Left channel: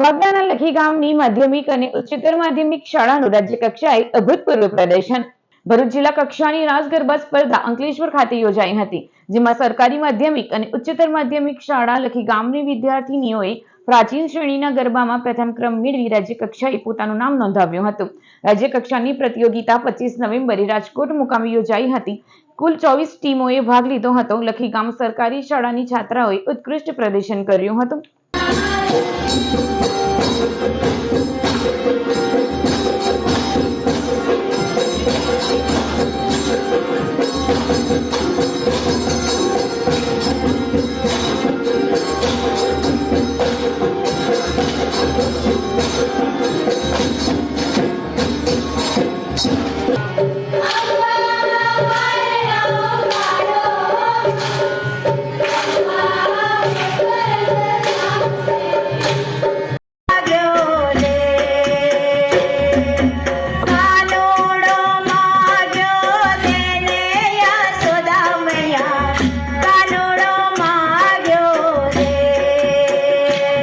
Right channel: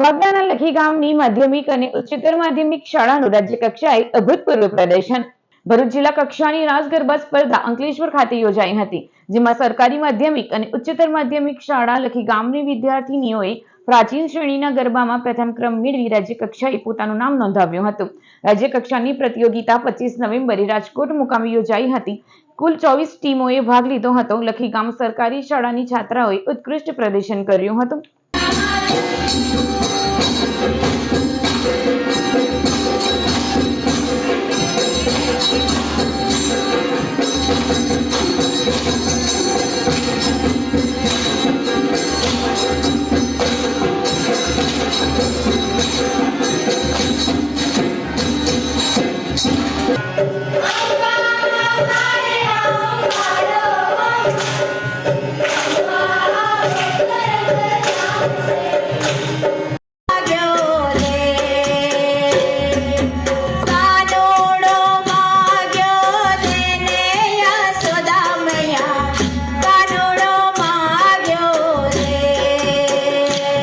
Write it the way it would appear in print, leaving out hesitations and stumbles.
વાગદાના લખી ગામની માધ્યમિક અને ઉચ્ચતર માધ્યમિક શાળાનું રાજ્ય કક્ષાએ અભૂતપૂર્વ પ્રદર્શન. ભરૂચ જિલ્લા કક્ષાની રાસ ગરબા સ્પર્ધા અંકલેશ્વર ખાતે યોજાઈ હતી, જેમાં સરકારી માધ્યમિક અને ઉચ્ચતર માધ્યમિક શાળા લખી ગામની વિદ્યાર્થીનીઓએ પ્રાચીન શ્રેણીના ગરબામાં પ્રથમ ક્રમ મેળવી રાજ્ય કક્ષાએ પોતાનું નામ નોંધાવ્યું હતું. રાજ્ય કક્ષાની પ્રતિયોગિતા 25 નવેમ્બરે રાજકોટ મુકામે યોજાઈ હતી. કુલ 24 ટીમોએ ભાગ લીધો હતો. લખી ગામ સરકારી શાળાની છાત્રાઓએ ઉત્કૃષ્ટ પ્રદર્શન કર્યું હતું.